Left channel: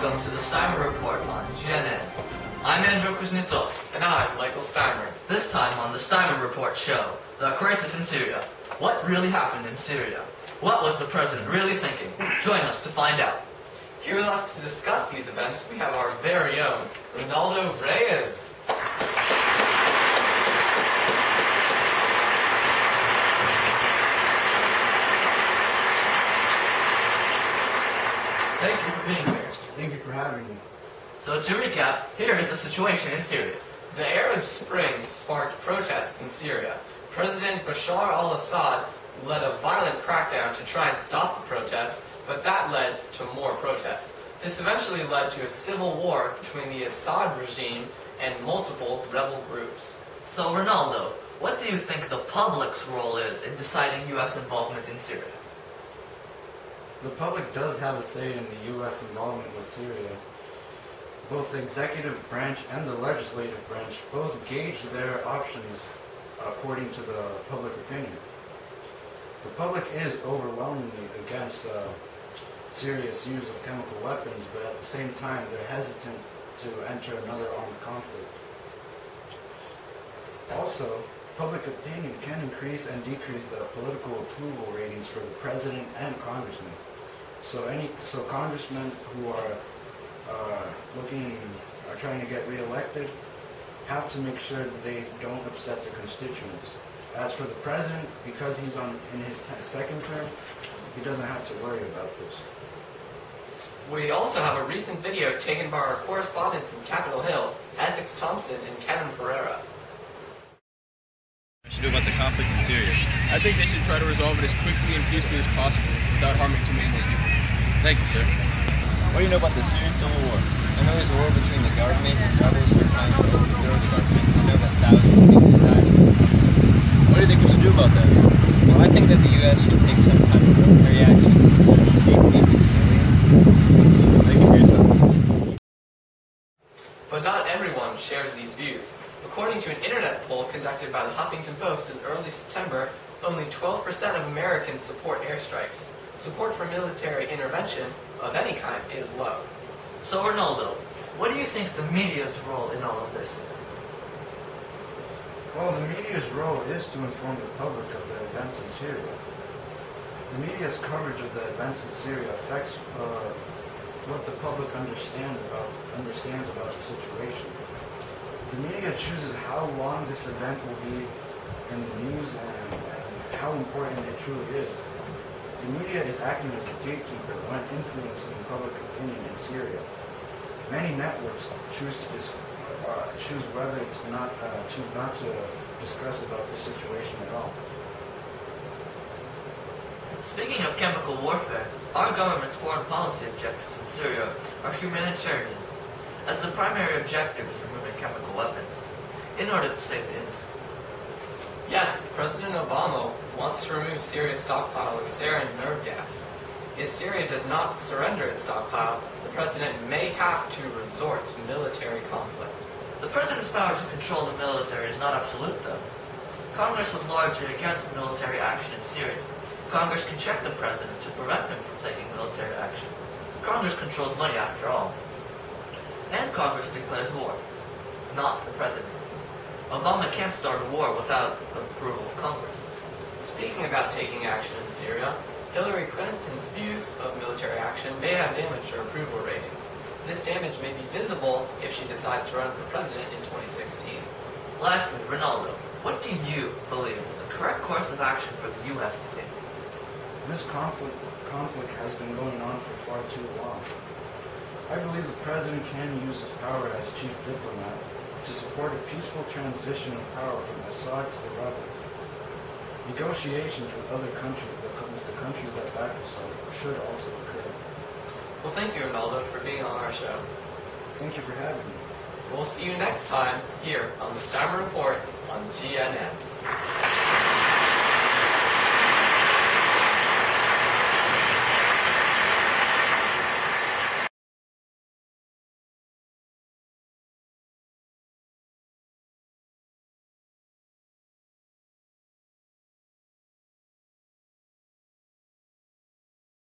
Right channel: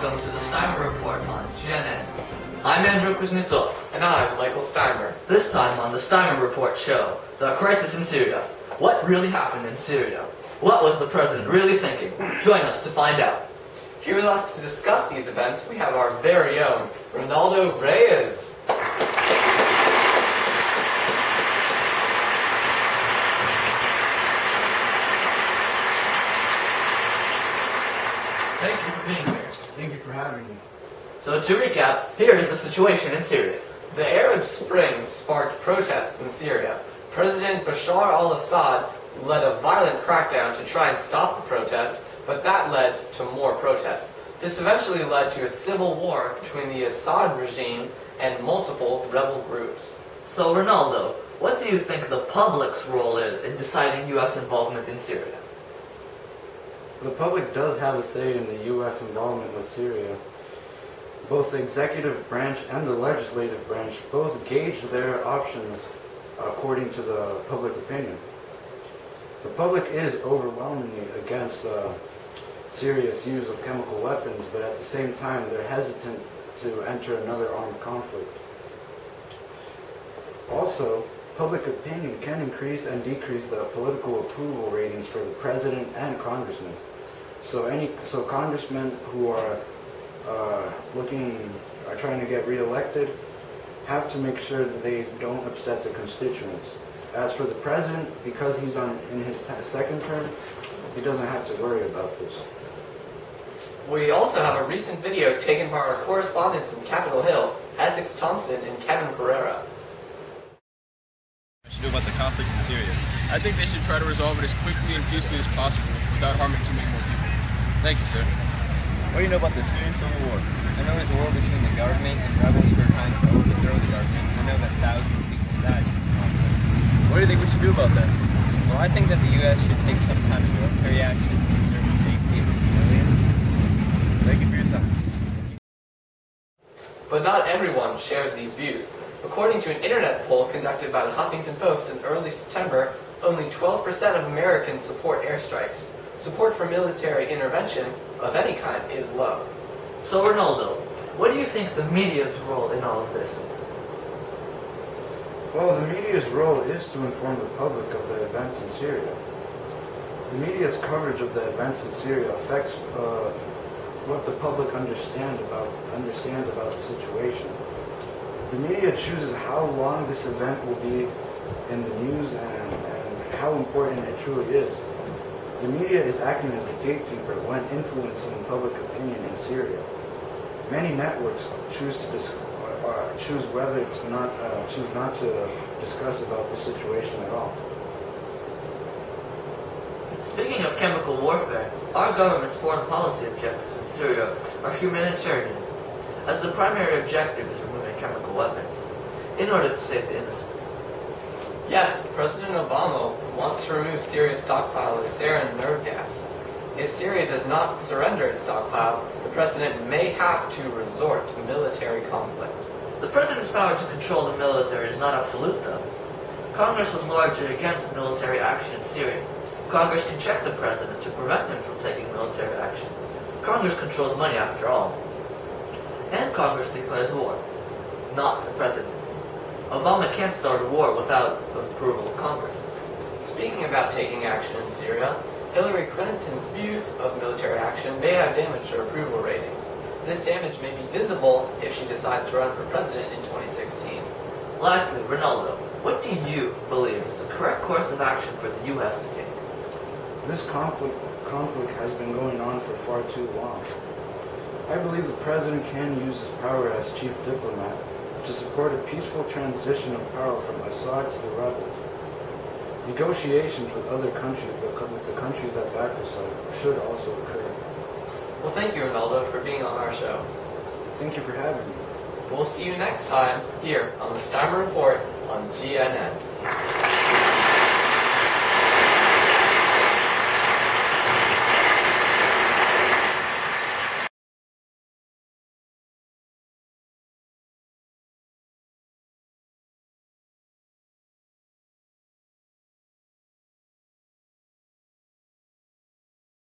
welcome to the Steimer Report on GNN. I'm Andrew Kuznetsov. And I'm Michael Steimer. This time on the Steimer Report show, the crisis in Syria. What really happened in Syria? What was the president really thinking? Join us to find out. Here with us to discuss these events, we have our very own Ronaldo Reyes. Thank you for being here. Thank you for having me. So to recap, here is the situation in Syria. The Arab Spring sparked protests in Syria. President Bashar al-Assad led a violent crackdown to try and stop the protests, but that led to more protests. This eventually led to a civil war between the Assad regime and multiple rebel groups. So Ronaldo, what do you think the public's role is in deciding U.S. involvement in Syria? The public does have a say in the U.S. involvement with Syria. Both the executive branch and the legislative branch both gauge their options according to the public opinion. The public is overwhelmingly against Syria's use of chemical weapons, but at the same time they're hesitant to enter another armed conflict. Also, public opinion can increase and decrease the political approval ratings for the president and congressmen. So congressmen who are trying to get reelected have to make sure that they don't upset their constituents. As for the president, because he's in his second term, he doesn't have to worry about this. We also have a recent video taken by our correspondents in Capitol Hill, Essex Thompson and Kevin Pereira. What should do about the conflict in Syria? I think they should try to resolve it as quickly and peacefully as possible without harming too many more people. Thank you, sir. What do you know about the Syrian civil war? I know it's a war between the government and rebels who are trying to overthrow the government. I know that thousands of people died in this conflict. What do you think we should do about that? Well, I think that the U.S. should take some type of military action to preserve the safety of the civilians. Thank you for your time. But not everyone shares these views. According to an internet poll conducted by the Huffington Post in early September, only 12% of Americans support airstrikes. Support for military intervention of any kind is low. So Ronaldo, what do you think the media's role in all of this is? Well, the media's role is to inform the public of the events in Syria. The media's coverage of the events in Syria affects what the public understands about the situation. The media chooses how long this event will be in the news and how important it truly is. The media is acting as a gatekeeper when influencing public opinion in Syria. Many networks choose not to discuss about the situation at all. Speaking of chemical warfare, our government's foreign policy objectives in Syria are humanitarian, as the primary objective is removing chemical weapons in order to save the innocent. Yes, President Obama wants to remove Syria's stockpile of sarin nerve gas. If Syria does not surrender its stockpile, the president may have to resort to military conflict. The president's power to control the military is not absolute, though. Congress was largely against military action in Syria. Congress can check the president to prevent him from taking military action. Congress controls money after all. And Congress declares war, not the president. Obama can't start a war without the approval of Congress. Speaking about taking action in Syria, Hillary Clinton's views of military action may have damaged her approval ratings. This damage may be visible if she decides to run for president in 2016. Lastly, Ronaldo, what do you believe is the correct course of action for the U.S. to take? This conflict has been going on for far too long. I believe the president can use his power as chief diplomat to support a peaceful transition of power from Assad to the rebels. Negotiations with other countries, with the countries that back Assad, should also occur. Well, thank you, Ronaldo, for being on our show. Thank you for having me. We'll see you next time here on the Steimer Report on GNN.